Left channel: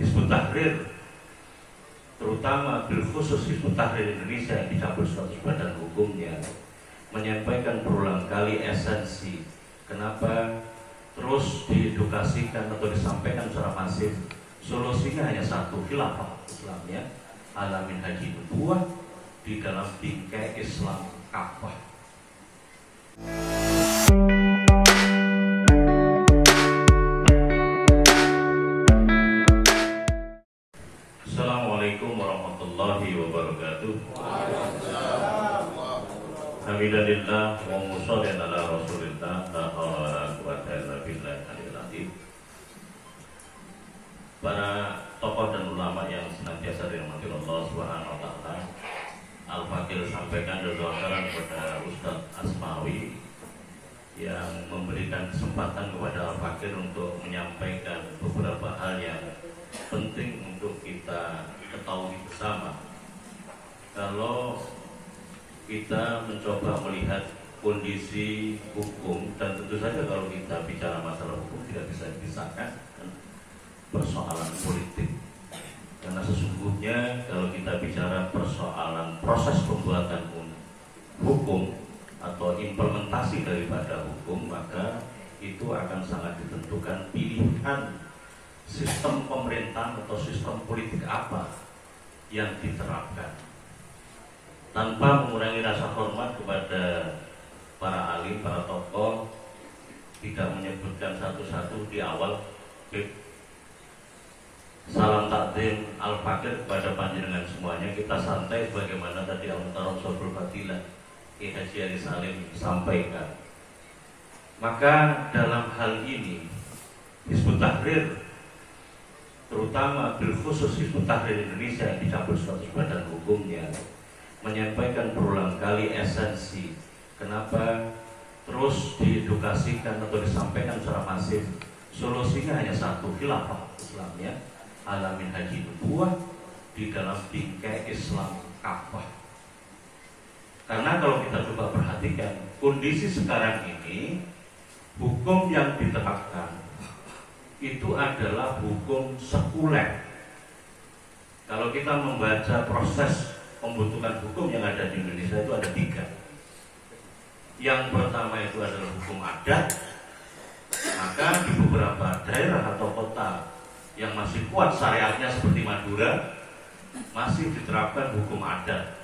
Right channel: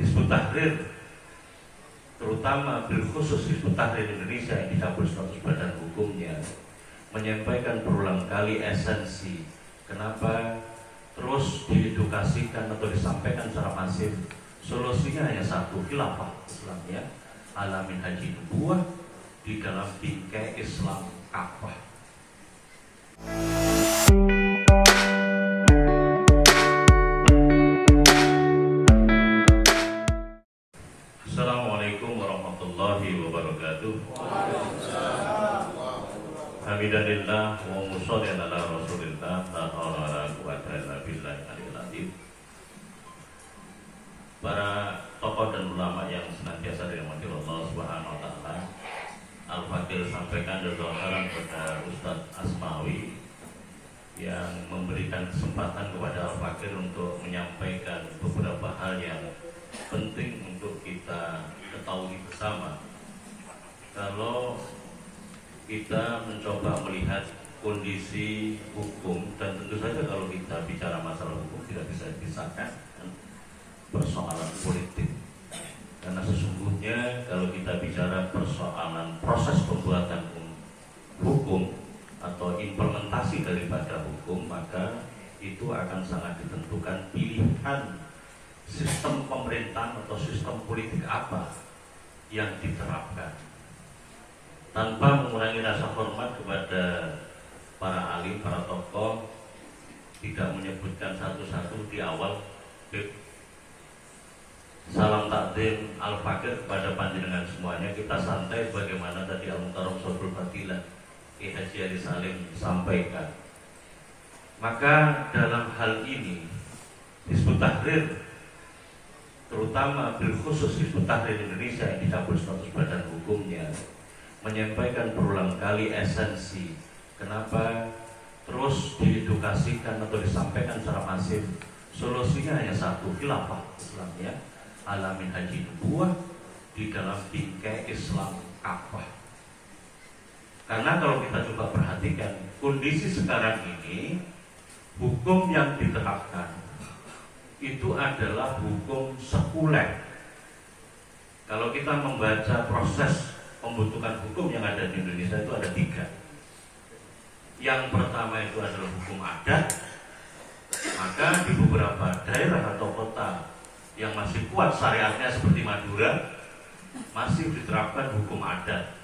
Hizbut Tahrir, terutama bil khusus Hizbut Tahrir Indonesia yang dicabut status badan hukumnya, menyampaikan berulang kali esensi kenapa terus diedukasikan atau disampaikan secara masif. Solusinya hanya satu, khilafah Islamnya ala minhaji nubuwah di dalam bingkai Islam Ka'bah. Assalamualaikum warahmatullahi wabarakatuh. Hamidalillah wa musholli ala rasulillah la haula wala quwwata illa billahi. Para tokoh dan ulama yang senantiasa dirahmati Allah Subhanahu wa taala, Al-Fakir sampaikan doa kepada Ustaz Asmawi yang memberikan kesempatan kepada Al-Fakir untuk menyampaikan beberapa hal yang penting untuk kita ketahui bersama. Kalau kita mencoba melihat kondisi hukum, dan tentu saja kalau kita bicara masalah hukum tidak bisa dipisahkan persoalan politik, karena sesungguhnya kalau kita bicara persoalan proses pembuatan hukum atau implementasi daripada hukum, maka itu akan sangat ditentukan pilihan sistem pemerintahan atau sistem politik apa yang diterapkan. Tanpa mengurangi rasa hormat kepada para alim, para tokoh, tidak menyebutkan satu-satu di awal, salam takdim Al-Fakir kepada panjenengan semuanya. Kita santai bagaimana tadi Al-Mukarram Sobul Fadilah Ki Haji Ali Salim sampaikan. Maka dalam hal ini Hizbut Tahrir, terutama bil khusus Hizbut Tahrir Indonesia yang dicabut status badan hukumnya, menyampaikan berulang kali esensi kenapa terus diedukasikan atau disampaikan secara masif. Solusinya hanya satu, khilafah Islamnya ala minhaji nubuwah di dalam bingkai Islam Ka'bah. Karena kalau kita coba perhatikan kondisi sekarang ini, hukum yang diterapkan itu adalah hukum sekuler. Kalau kita membaca proses pembentukan hukum yang ada di Indonesia itu ada 3. Yang pertama itu adalah hukum adat. Maka di beberapa daerah atau kota yang masih kuat syariatnya seperti Madura, masih diterapkan hukum adat.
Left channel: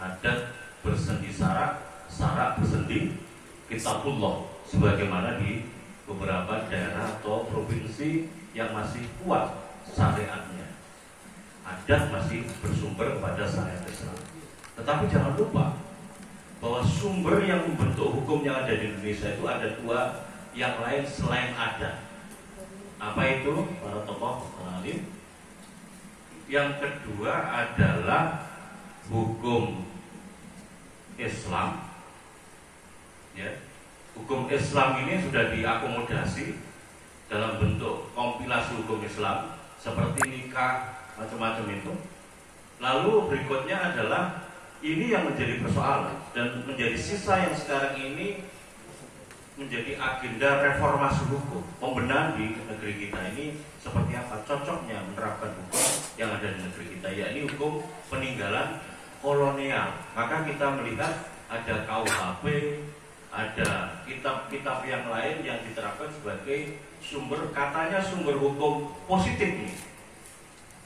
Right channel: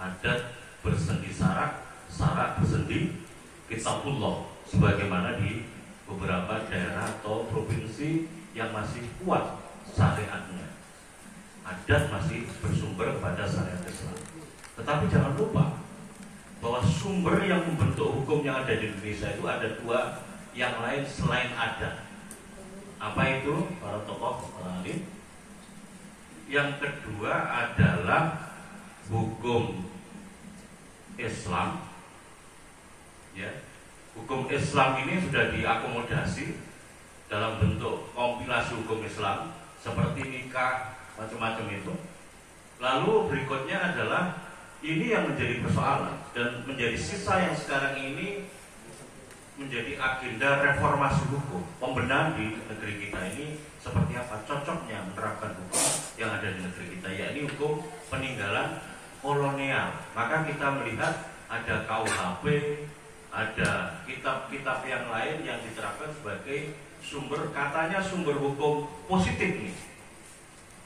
Adat bersendi sarak, sarak bersendi kitabullah, sebagaimana di beberapa daerah atau provinsi yang masih kuat syariatnya. Adat masih bersumber pada syariat Islam. Tetapi jangan lupa bahwa sumber yang membentuk hukum yang ada di Indonesia itu ada 2 yang lain selain adat. Apa itu para tokoh alim? Yang kedua adalah hukum Islam. Ya, hukum Islam ini sudah diakomodasi dalam bentuk kompilasi hukum Islam seperti nikah, macam-macam itu. Lalu berikutnya adalah ini yang menjadi persoalan dan menjadi sisa yang sekarang ini menjadi agenda reformasi hukum, pembenahan di negeri kita ini seperti apa, cocoknya menerapkan hukum yang ada di negeri kita, yakni hukum peninggalan kolonial. Maka kita melihat ada KUHP, ada kitab-kitab yang lain yang diterapkan sebagai sumber, katanya sumber hukum positif ini,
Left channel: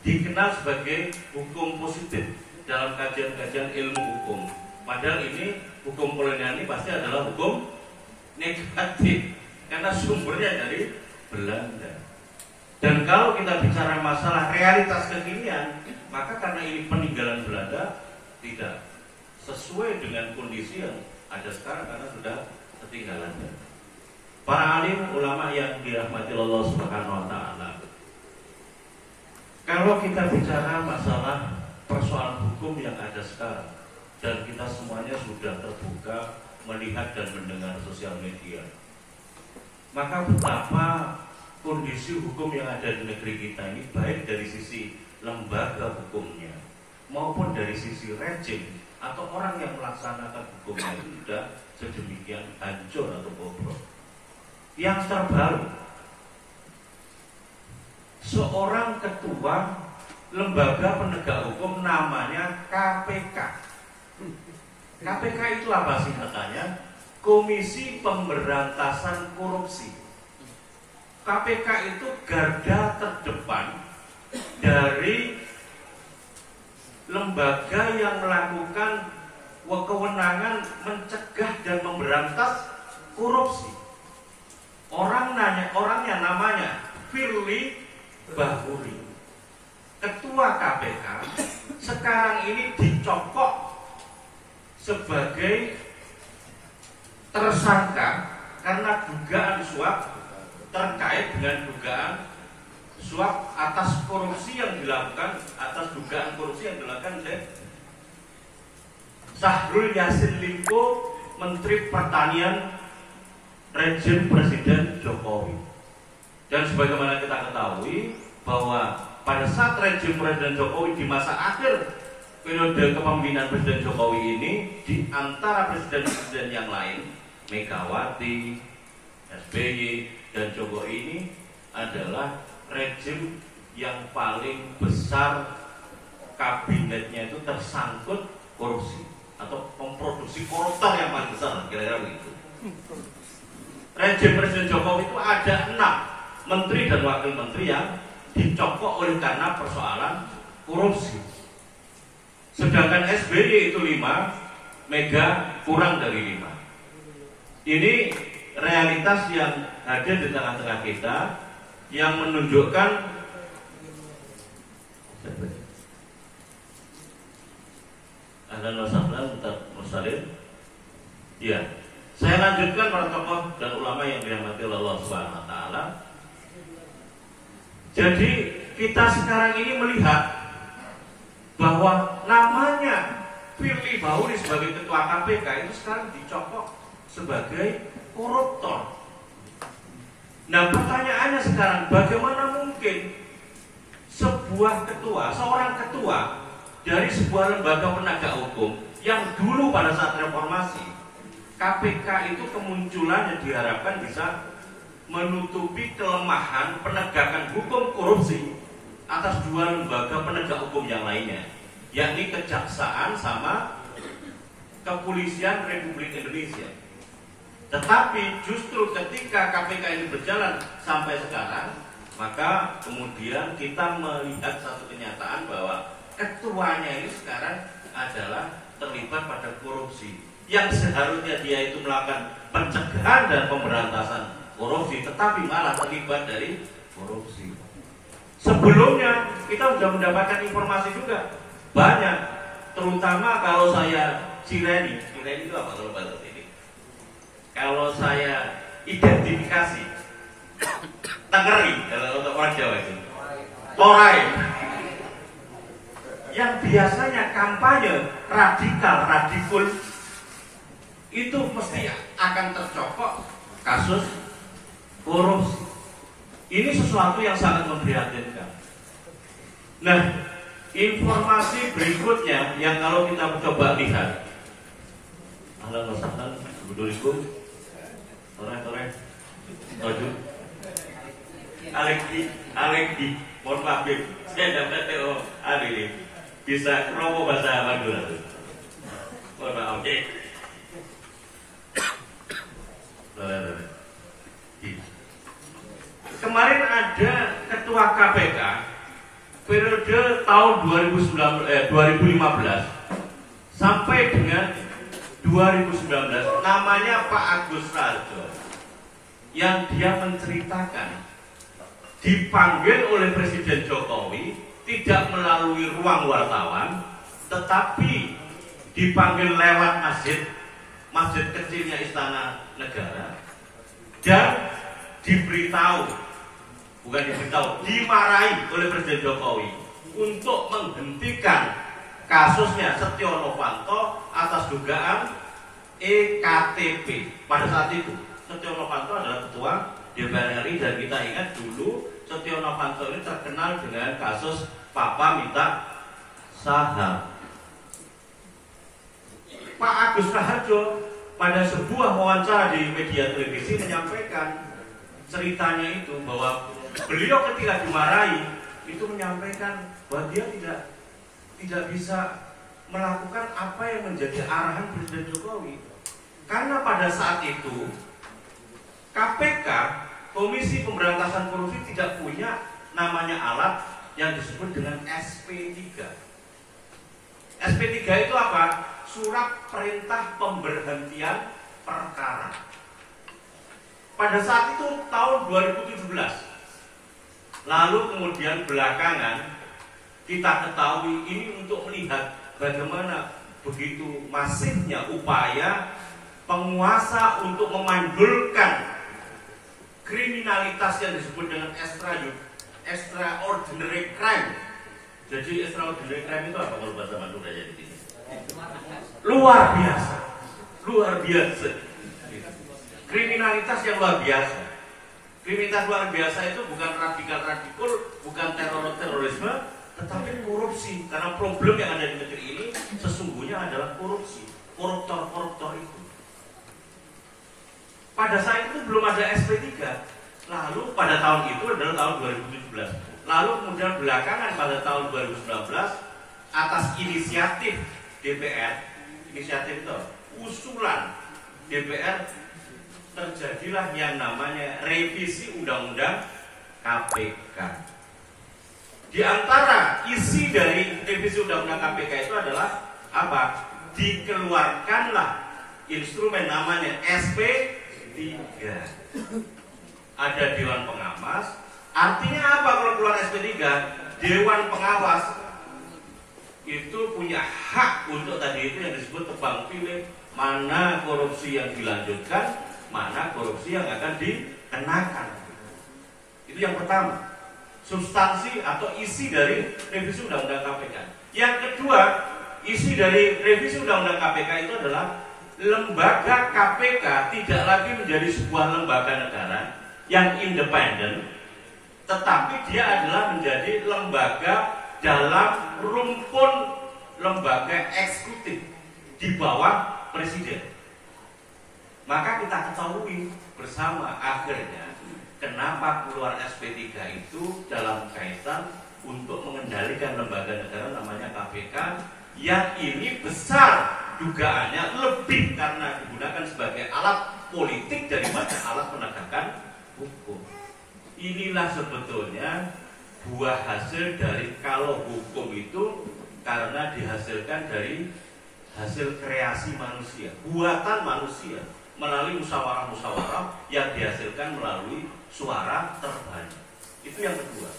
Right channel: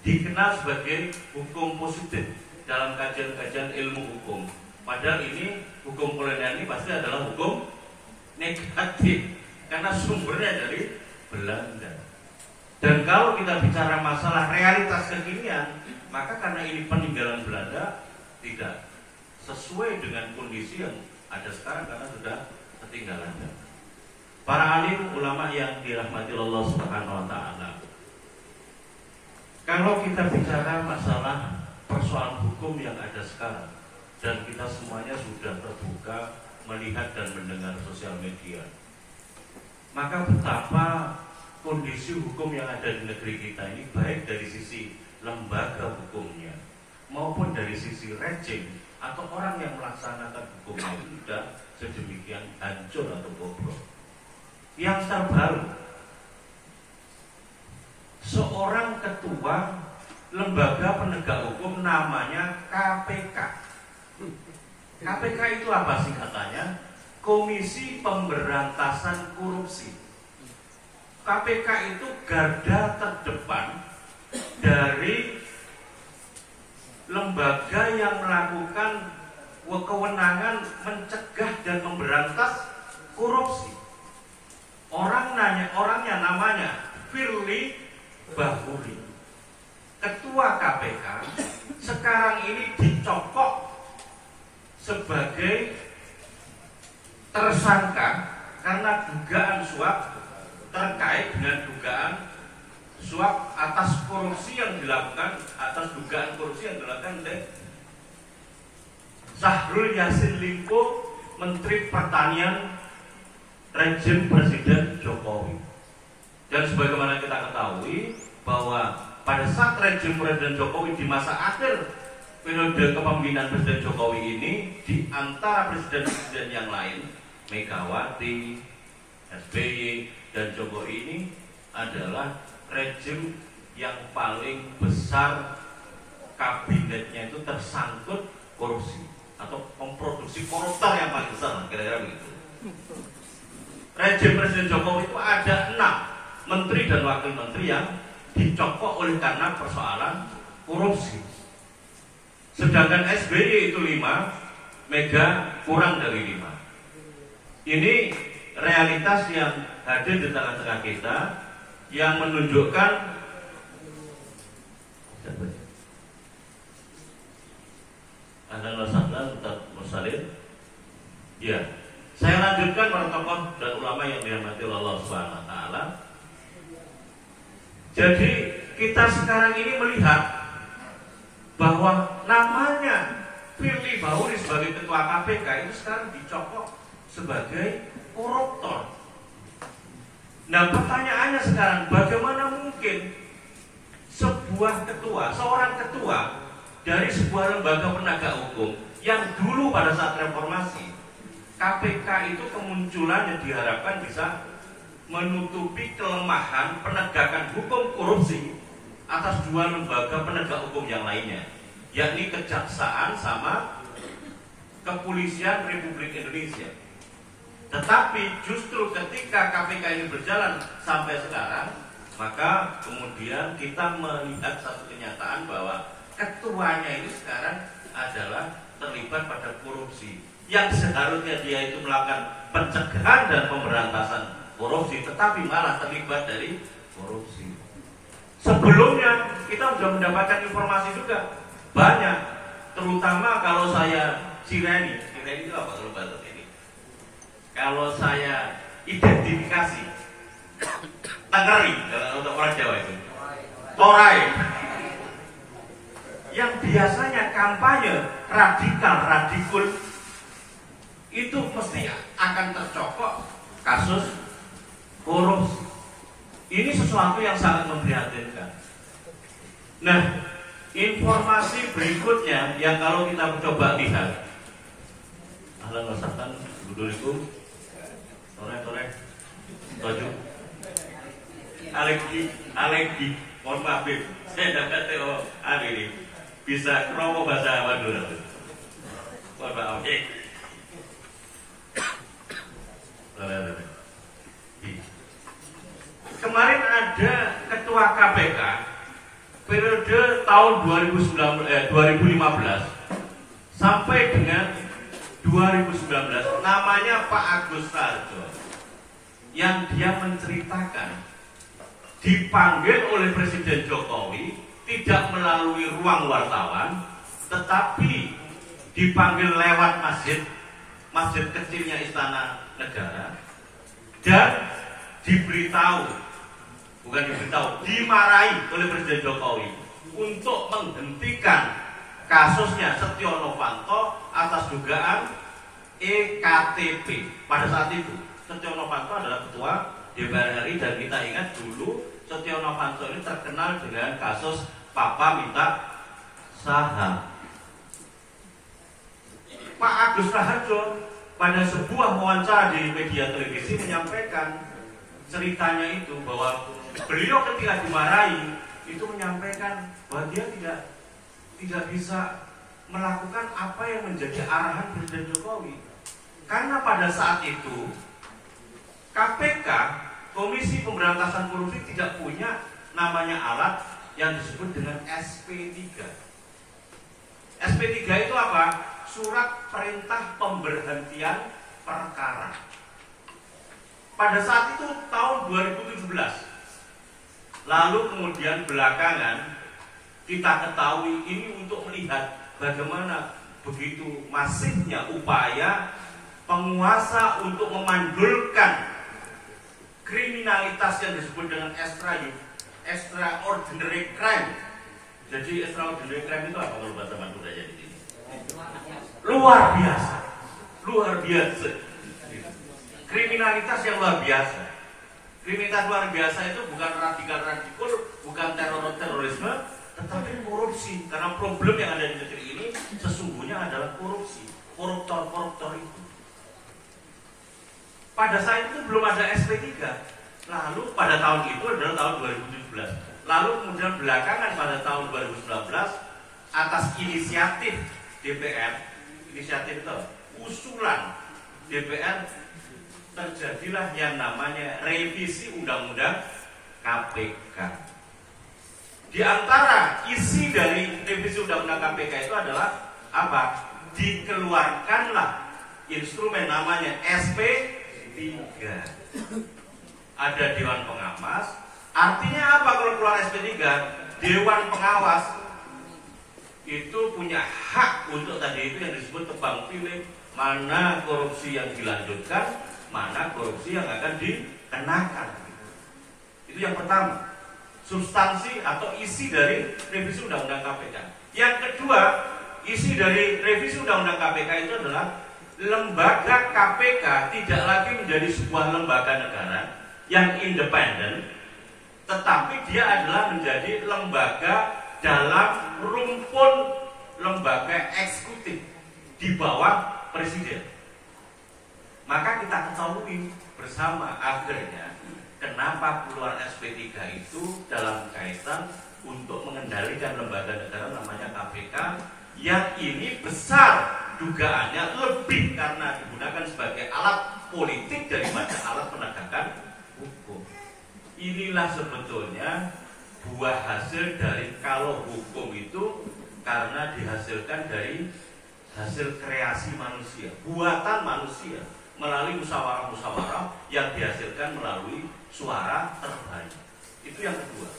dikenal sebagai hukum positif dalam kajian-kajian ilmu hukum. Padahal ini hukum kolonial ini pasti adalah hukum negatif karena sumbernya dari Belanda. Dan kalau kita bicara masalah realitas kekinian, maka karena ini peninggalan Belanda tidak sesuai dengan kondisi yang ada sekarang karena sudah ketinggalan. Para alim ulama yang dirahmati Allah Subhanahu wa taala, kalau kita bicara masalah persoalan hukum yang ada sekarang, dan kita semuanya sudah terbuka melihat dan mendengar sosial media, maka betapa kondisi hukum yang ada di negeri kita ini, baik dari sisi lembaga hukumnya maupun dari sisi rejim atau orang yang melaksanakan hukumnya itu sudah sedemikian hancur atau bobrok. Yang terbaru, seorang ketua lembaga penegak hukum namanya KPK. KPK itu apa singkatannya? Komisi Pemberantasan Korupsi. KPK itu garda terdepan dari lembaga yang melakukan kewenangan mencegah dan memberantas korupsi. Orangnya namanya Firly Bahuri. Ketua KPK sekarang ini dicokok sebagai tersangka karena dugaan suap terkait dengan dugaan suap atas korupsi yang dilakukan, atas dugaan korupsi yang dilakukan oleh Syahrul Yassin Limpo, Menteri Pertanian rejim Presiden Jokowi. Dan sebagaimana kita ketahui bahwa pada saat rejim Presiden Jokowi di masa akhir periode kepemimpinan Presiden Jokowi ini, di antara presiden-presiden yang lain, Megawati, SBY, dan Jokowi ini adalah rejim yang paling besar kabinetnya itu tersangkut korupsi atau memproduksi koruptor yang paling besar, kira-kira begitu. Rejim Presiden Jokowi itu ada 6 menteri dan wakil menteri yang dicokok oleh karena persoalan korupsi. Sedangkan SBY itu 5, Mega kurang dari 5. Ini realitas yang hadir di tengah-tengah kita yang menunjukkan Ahlan wa sahlan Ustaz Mursalin. Ya, saya lanjutkan para tokoh dan ulama yang dirahmati Allah Subhanahu wa taala. Jadi kita sekarang ini melihat bahwa namanya Firly Bahuri sebagai ketua KPK itu sekarang dicokok sebagai koruptor. Nah, pertanyaannya sekarang, bagaimana mungkin seorang ketua dari sebuah lembaga penegak hukum yang dulu pada saat reformasi KPK itu kemunculannya diharapkan bisa menutupi kelemahan penegakan hukum korupsi atas 2 lembaga penegak hukum yang lainnya, yakni Kejaksaan sama Kepolisian Republik Indonesia. Tetapi justru ketika KPK ini berjalan sampai sekarang, maka kemudian kita melihat satu kenyataan bahwa ketuanya ini sekarang adalah terlibat pada korupsi, yang seharusnya dia itu melakukan pencegahan dan pemberantasan korupsi, tetapi malah terlibat dari korupsi. Sebelumnya kita sudah mendapatkan informasi juga banyak, terutama kalau saya Cireni itu apa kalau bahasa ini? Kalau saya identifikasi Tangeri, kalau untuk orang Jawa itu Torai, yang biasanya kampanye radikul itu mesti akan tercokok kasus korupsi. Ini sesuatu yang sangat memprihatinkan. Nah, informasi berikutnya yang kalau kita mencoba lihat, ahlan wa sahlan, Assalamualaikum, Tore, Toju, Alekdi, mohon maaf, saya dapat ini bisa kromo bahasa Madura. Mohon maaf, kemarin ada ketua KPK periode tahun 2015 sampai dengan 2019, namanya Pak Agus Raharjo, yang dia menceritakan dipanggil oleh Presiden Jokowi tidak melalui ruang wartawan, tetapi dipanggil lewat masjid kecilnya Istana Negara, dan dimarahi oleh Presiden Jokowi untuk menghentikan kasusnya Setio Novanto atas dugaan EKTP. Pada saat itu Setio Novanto adalah ketua DPR RI, dan kita ingat dulu Setio Novanto ini terkenal dengan kasus Papa minta saham. Pak Agus Raharjo pada sebuah wawancara di media televisi menyampaikan ceritanya itu, bahwa beliau ketika dimarahi itu menyampaikan bahwa dia tidak bisa melakukan apa yang menjadi arahan Presiden Jokowi. Karena pada saat itu KPK, Komisi Pemberantasan Korupsi, tidak punya namanya alat yang disebut dengan SP3. SP3 itu apa? Surat Perintah Pemberhentian Perkara. Pada saat itu tahun 2017. Lalu kemudian belakangan kita ketahui ini untuk melihat bagaimana begitu masifnya upaya penguasa untuk memandulkan kriminalitas yang disebut dengan extraordinary crime. Jadi extraordinary crime itu apa menurut bahasa Madura di sini? Luar biasa. Luar biasa. Kriminalitas yang luar biasa. Kriminalitas luar biasa itu bukan radikal-radikal, bukan terorisme, tetapi korupsi. Karena problem yang ada di negeri ini sesungguhnya adalah korupsi. Koruptor-koruptor itu. Pada saat itu belum ada SP3. Lalu pada tahun itu adalah tahun 2017. Lalu kemudian belakangan pada tahun 2019 atas inisiatif DPR, inisiatif itu usulan DPR, terjadilah yang namanya revisi Undang-Undang KPK. Di antara isi dari revisi Undang-Undang KPK itu adalah apa? Dikeluarkanlah instrumen namanya SP3. Ada Dewan Pengawas. Artinya apa kalau keluar SP3? Dewan Pengawas itu punya hak untuk tadi itu yang disebut tebang pilih, mana korupsi yang dilanjutkan, mana korupsi yang akan dikenakan. Itu yang pertama, substansi atau isi dari revisi Undang-Undang KPK. Yang kedua, isi dari revisi Undang-Undang KPK itu adalah lembaga KPK tidak lagi menjadi sebuah lembaga negara yang independen, tetapi dia adalah menjadi lembaga dalam rumpun lembaga eksekutif di bawah presiden. Maka kita ketahui bersama akhirnya kenapa keluar SP3 itu dalam kaitan untuk mengendalikan lembaga negara namanya KPK, yang ini besar dugaannya lebih karena digunakan sebagai alat politik daripada alat penegakan hukum. Inilah sebetulnya buah hasil dari kalau hukum itu karena dihasilkan dari hasil kreasi manusia, buatan manusia, melalui musyawarah-musyawarah yang dihasilkan melalui suara terbanyak. Itu yang kedua.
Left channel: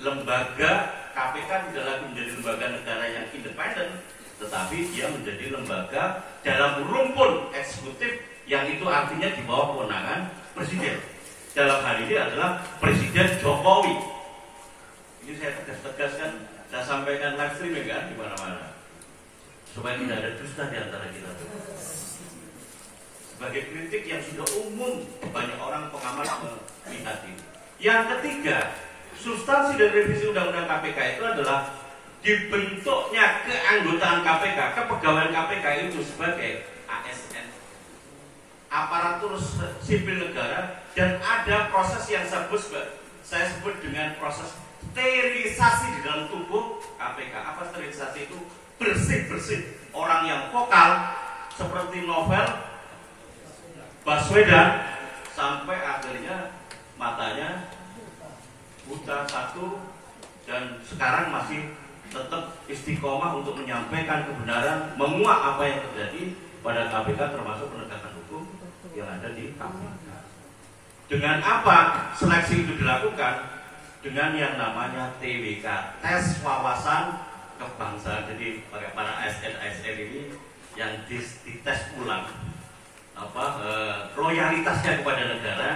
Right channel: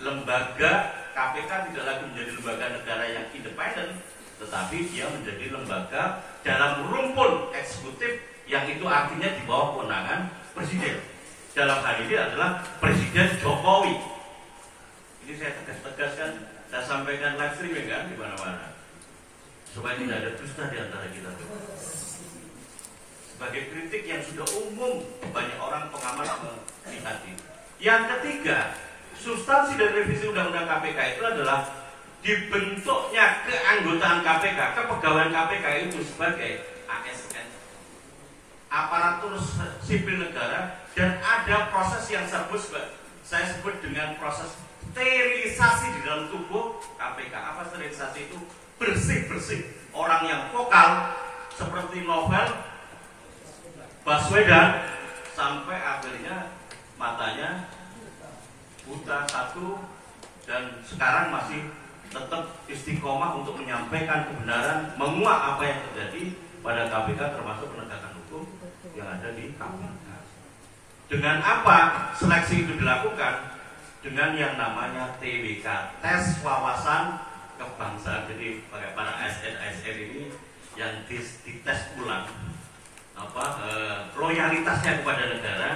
Lembaga KPK tidak lagi menjadi lembaga negara yang independen, tetapi dia menjadi lembaga dalam rumpun eksekutif yang itu artinya di bawah kewenangan presiden. Dalam hal ini adalah Presiden Jokowi. Ini saya tegaskan, saya sampaikan live streaming kan di mana-mana, supaya tidak ada dusta di antara kita. Sebagai kritik yang sudah umum banyak orang pengamat melihat ini. Yang ketiga, substansi dari revisi Undang-Undang KPK itu adalah dibentuknya keanggotaan KPK, kepegawaian KPK itu sebagai ASN, aparatur sipil negara, dan ada proses yang saya sebut dengan proses sterilisasi di dalam tubuh KPK. Apa sterilisasi itu? Bersih-bersih. Orang yang vokal seperti Novel Baswedan sampai akhirnya matanya buta satu dan sekarang masih tetap istiqomah untuk menyampaikan kebenaran, menguak apa yang terjadi pada KPK termasuk penegakan hukum yang ada di KPK. Dengan apa seleksi itu dilakukan? Dengan yang namanya TWK, tes wawasan kebangsaan. Jadi para ASN ini yang dites ulang loyalitasnya kepada negara.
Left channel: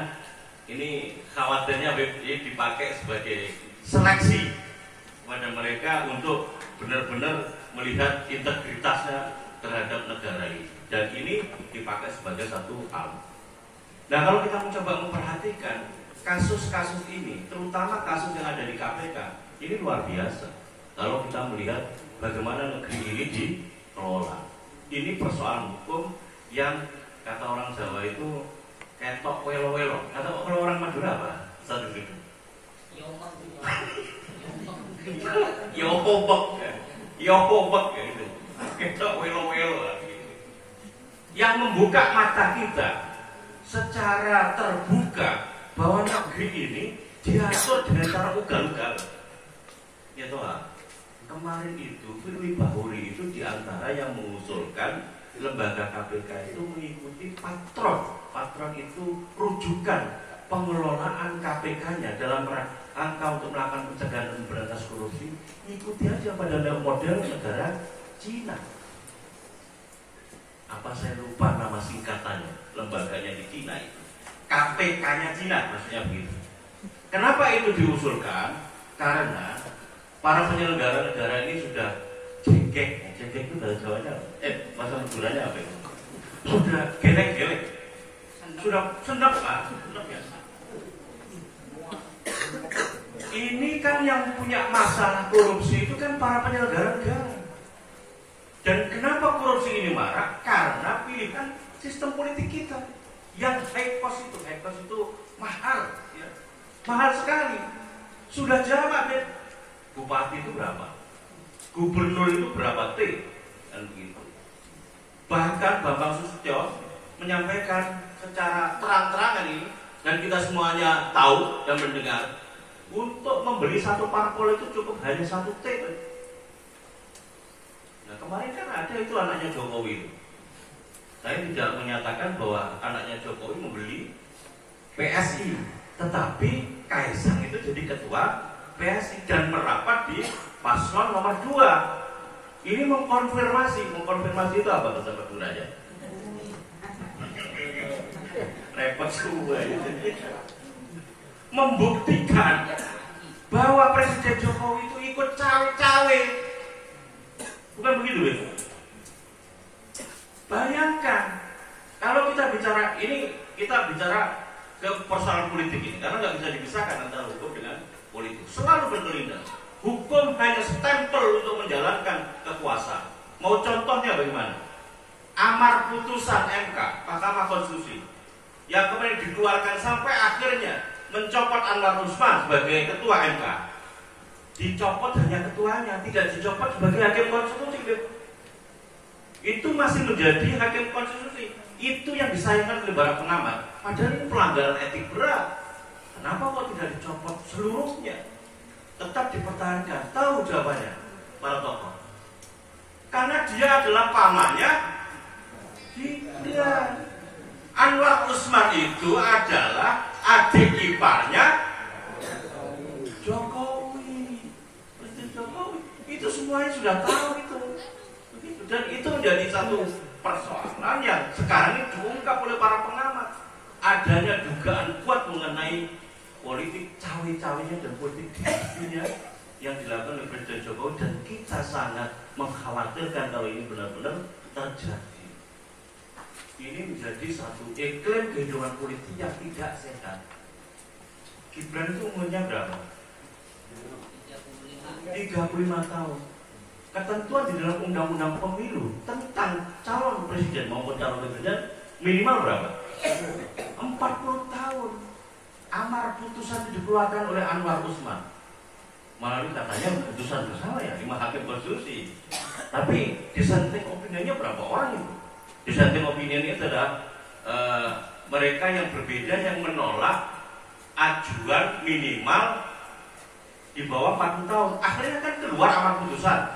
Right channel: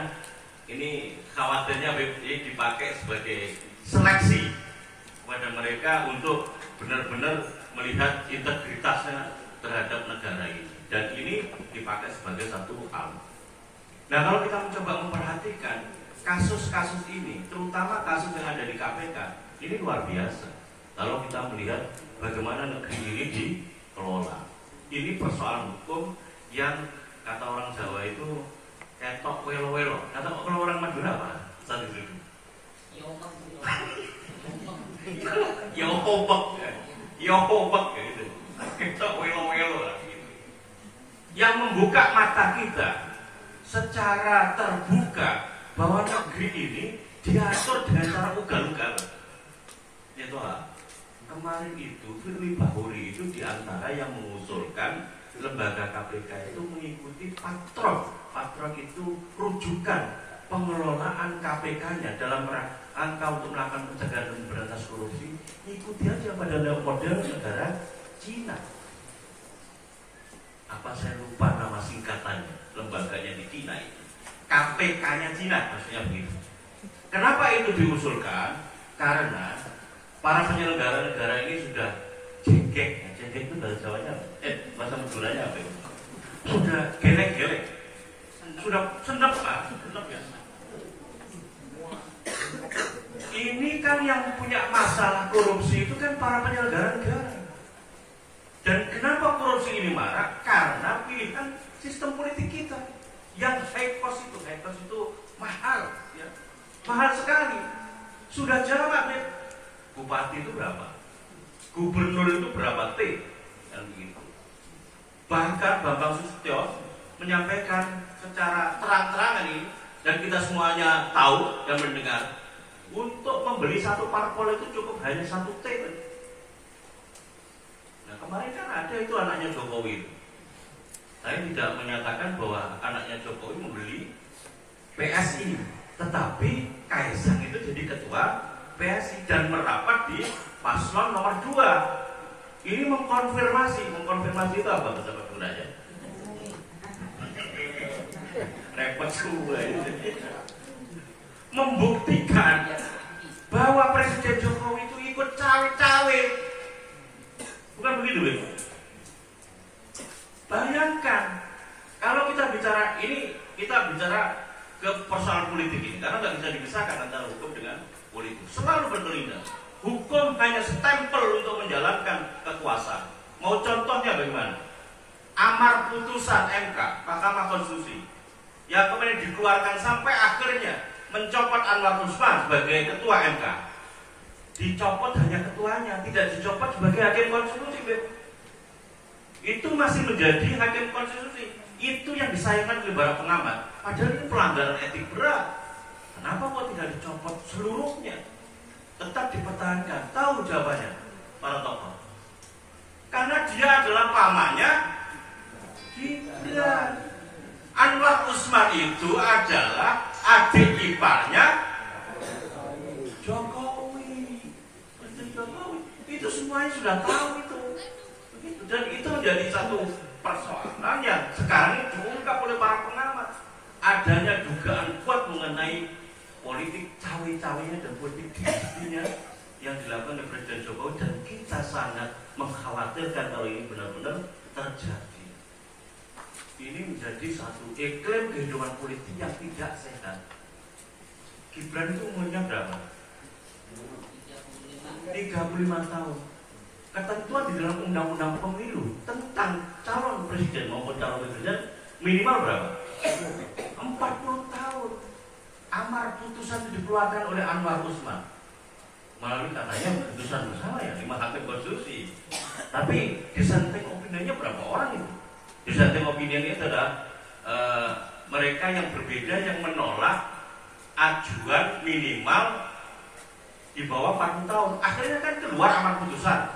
Ini khawatirnya dipakai sebagai seleksi kepada mereka untuk benar-benar melihat integritasnya terhadap negara ini. Dan ini dipakai sebagai satu hal. Nah, kalau kita mencoba memperhatikan kasus-kasus ini, terutama kasus yang ada di KPK, ini luar biasa. Kalau kita melihat bagaimana negeri ini dikelola, ini persoalan hukum yang kata orang Jawa itu ketok welo-welo. Atau kalau orang Madura apa? Satu itu. Yobek gitu. Kita welo-welo lah gitu. Yang membuka mata kita secara terbuka bahwa negeri ini diatur dengan cara ugal-ugal. Ya toh, kemarin itu Firly Bahuri itu diantara yang mengusulkan lembaga KPK itu mengikuti patron. Patron itu rujukan pengelolaan KPK-nya dalam rangka untuk melakukan pencegahan dan memberantas korupsi. Ikuti aja pada model negara Cina. Apa saya lupa nama singkatannya, lembaganya di Cina itu. KPK-nya Cina, maksudnya begitu. Kenapa itu diusulkan? Karena para penyelenggara negara ini sudah jengkek. Jengkek itu bahasa Jawanya, bahasa Maduranya apa itu? Sudah gelek-gelek, sudah senep ya. Ini kan yang punya masalah korupsi itu kan para penyelenggara negara. Dan kenapa korupsi ini marak? Karena pilihan sistem politik kita yang high cost itu mahal, ya. Mahal sekali. Sudah jawab deh. Bupati itu berapa? Gubernur itu berapa T? Dan begitu. Bahkan Bambang Susatyo menyampaikan secara terang-terangan ini, dan kita semuanya tahu dan mendengar, untuk membeli satu parpol itu cukup hanya 1 T. Nah, kemarin kan ada itu anaknya Jokowi. Saya tidak menyatakan bahwa anaknya Jokowi membeli PSI, tetapi Kaisang itu jadi ketua PSI dan merapat di paslon nomor 2. Ini mengkonfirmasi itu apa bahasa Maduranya? Repot semua itu. Membuktikan bahwa Presiden Jokowi itu ikut cawe-cawe. Bukan begitu, ya? Bayangkan kalau kita bicara ini, kita bicara ke persoalan politik ini, karena nggak bisa dipisahkan antara hukum dengan politik. Selalu berkelindan. Hukum hanya stempel untuk menjalankan kekuasaan. Mau contohnya bagaimana? Amar putusan MK, Mahkamah Konstitusi, yang kemudian dikeluarkan sampai akhirnya mencopot Anwar Usman sebagai ketua MK. Dicopot hanya ketuanya, tidak dicopot sebagai hakim konstitusi. Itu masih menjadi hakim konstitusi. Itu yang disayangkan oleh para pengamat. Padahal ini pelanggaran etik berat. Kenapa kok tidak dicopot seluruhnya? Tetap dipertahankan. Tahu jawabannya para tokoh. Karena dia adalah pamannya Gibran. Anwar Usman itu adalah adik iparnya Jokowi. Presiden Jokowi. Itu semuanya sudah tahu itu. Dan itu menjadi satu persoalan yang sekarang ini diungkap oleh para pengamat. Adanya dugaan kuat mengenai politik cawe-cawenya dan politik dinasti yang dilakukan oleh Presiden Jokowi, dan kita sangat mengkhawatirkan kalau ini benar-benar terjadi. Ini menjadi satu iklim kehidupan politik yang tidak sehat. Gibran itu umurnya berapa? 35 tahun. Ketentuan di dalam undang-undang pemilu tentang calon presiden maupun calon presiden minimal berapa? 40 tahun. Amar putusan itu dikeluarkan oleh Anwar Usman melalui katanya putusan bersama ya 5 hakim konstitusi. Tapi dissenting opininya berapa orang itu? Dissenting opinion itu adalah mereka yang berbeda yang menolak ajuan minimal di bawah 40 tahun. Akhirnya kan keluar amar putusan,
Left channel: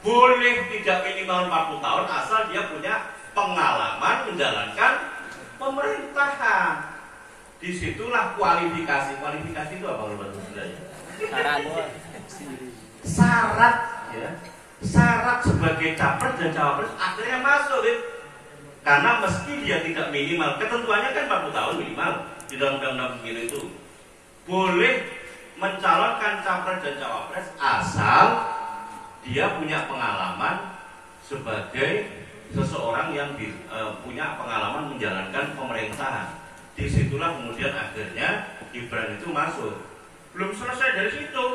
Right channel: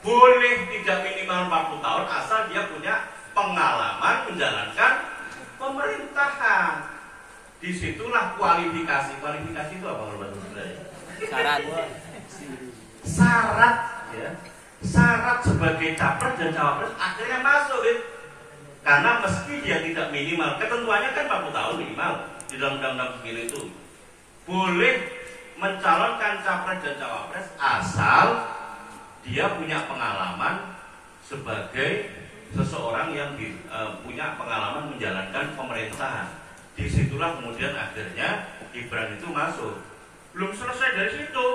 boleh tidak minimal 40 tahun asal dia punya pengalaman menjalankan pemerintahan. Disitulah kualifikasi. Kualifikasi itu apa kalau bahasa Sundanya? Syarat, ya. Syarat sebagai capres dan cawapres akhirnya masuk, ya. Karena meski dia tidak minimal, ketentuannya kan 40 tahun minimal di dalam undang-undang pemilu itu, boleh mencalonkan capres dan cawapres asal dia punya pengalaman sebagai seseorang yang punya pengalaman menjalankan pemerintahan. Disitulah kemudian akhirnya Gibran itu masuk. Belum selesai dari situ.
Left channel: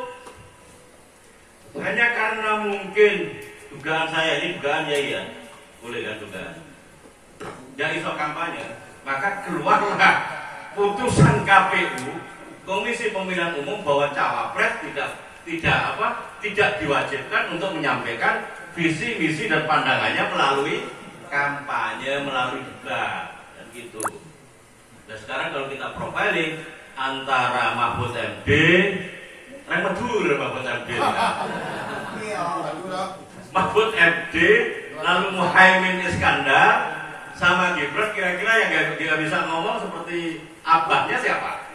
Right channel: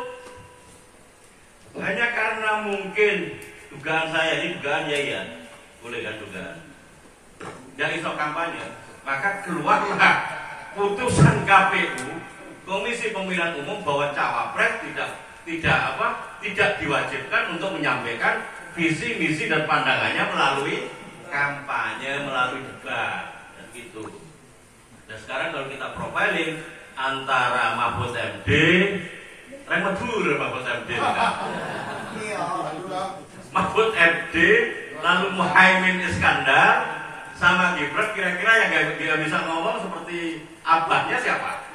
Hanya karena mungkin dugaan saya ini dugaan ya, boleh kan dugaan. Dia iso kampanye, maka keluarlah putusan KPU Komisi Pemilihan Umum bahwa cawapres tidak diwajibkan untuk menyampaikan visi, misi dan pandangannya melalui kampanye, melalui debat dan gitu. Dan sekarang kalau kita profiling antara Mahfud MD, Mahfud MD, Mahfud MD, lalu Muhaimin Iskandar sama Gibran, kira-kira yang nggak bisa ngomong seperti abahnya siapa?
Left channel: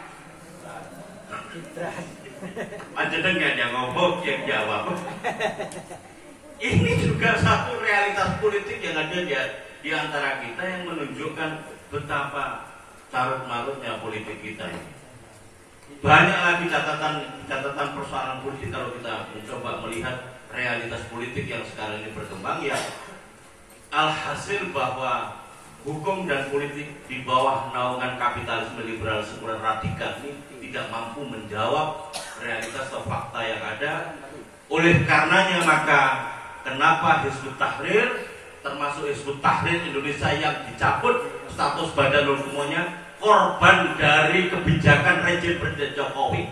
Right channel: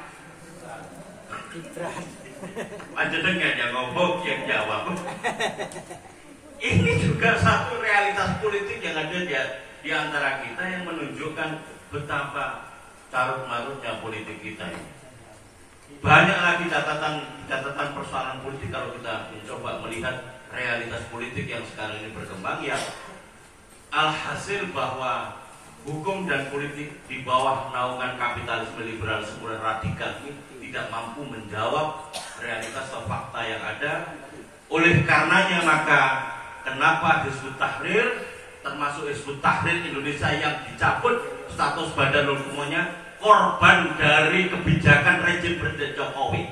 Aja dengar yang ngomong, yang jawab. Ini juga satu realitas politik yang ada di antara kita yang menunjukkan betapa carut-marutnya politik kita. Banyak lagi catatan persoalan politik kalau kita mencoba melihat realitas politik yang sekarang ini berkembang, ya alhasil bahwa hukum dan politik di bawah naungan kapitalisme liberalisme radikal ini tidak mampu menjawab realitas atau fakta yang ada. Oleh karenanya maka kenapa Hizbut Tahrir, termasuk Hizbut Tahrir Indonesia yang dicabut status badan hukumnya, korban dari kebijakan rejim Presiden Jokowi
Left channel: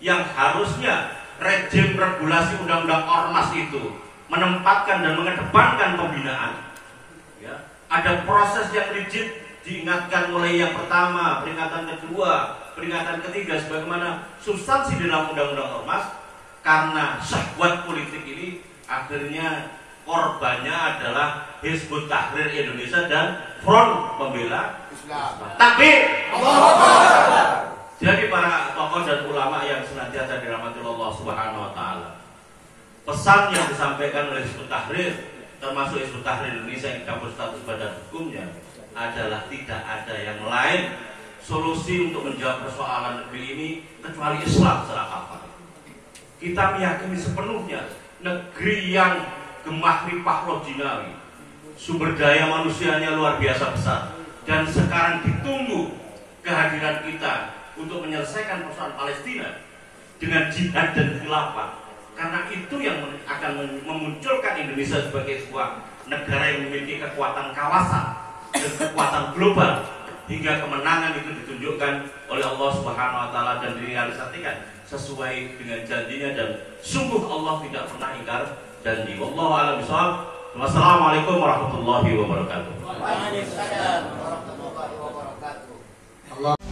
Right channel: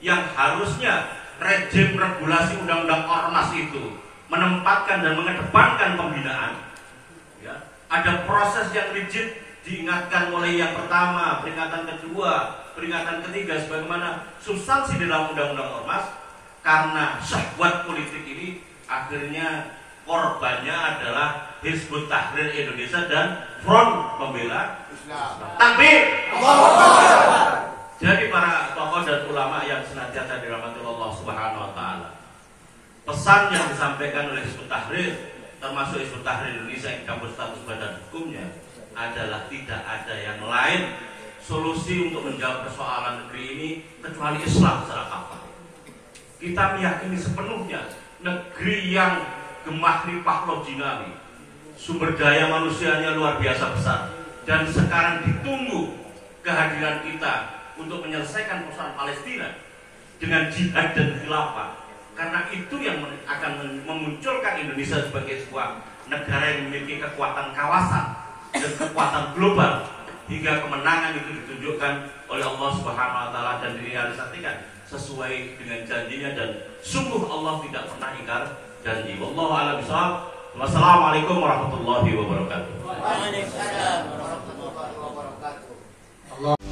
yang harusnya rejim regulasi undang-undang ormas itu menempatkan dan mengedepankan pembinaan. Ya, ada proses yang rigid, diingatkan mulai yang pertama, peringatan kedua, peringatan ketiga, sebagaimana substansi di dalam undang-undang ormas. Karena syahwat politik ini akhirnya korbannya adalah Hizbut Tahrir Indonesia dan Front Pembela Islam. Takbir! Jadi para tokoh dan ulama yang senantiasa dirahmati Allah Subhanahu wa taala, pesan yang disampaikan oleh Hizbut Tahrir, termasuk Hizbut Tahrir Indonesia yang dicabut status badan hukumnya, adalah tidak ada yang lain solusi untuk menjawab persoalan negeri ini kecuali Islam secara kafah. Kita meyakini sepenuhnya negeri yang gemah ripah lojinari, sumber daya manusianya luar biasa besar, dan sekarang ditunggu kehadiran kita untuk menyelesaikan persoalan Palestina dengan jihad dan khilafah. Karena itu yang akan memunculkan Indonesia sebagai sebuah negara yang memiliki kekuatan kawasan dan kekuatan global, hingga kemenangan itu ditunjukkan oleh Allah Subhanahu wa taala dan direalisasikan sesuai dengan janjinya, dan sungguh Allah tidak pernah ingkar janji. Wallahu a'lam bishawab. Wassalamualaikum warahmatullahi wabarakatuh. Waalaikumsalam warahmatullahi wabarakatuh.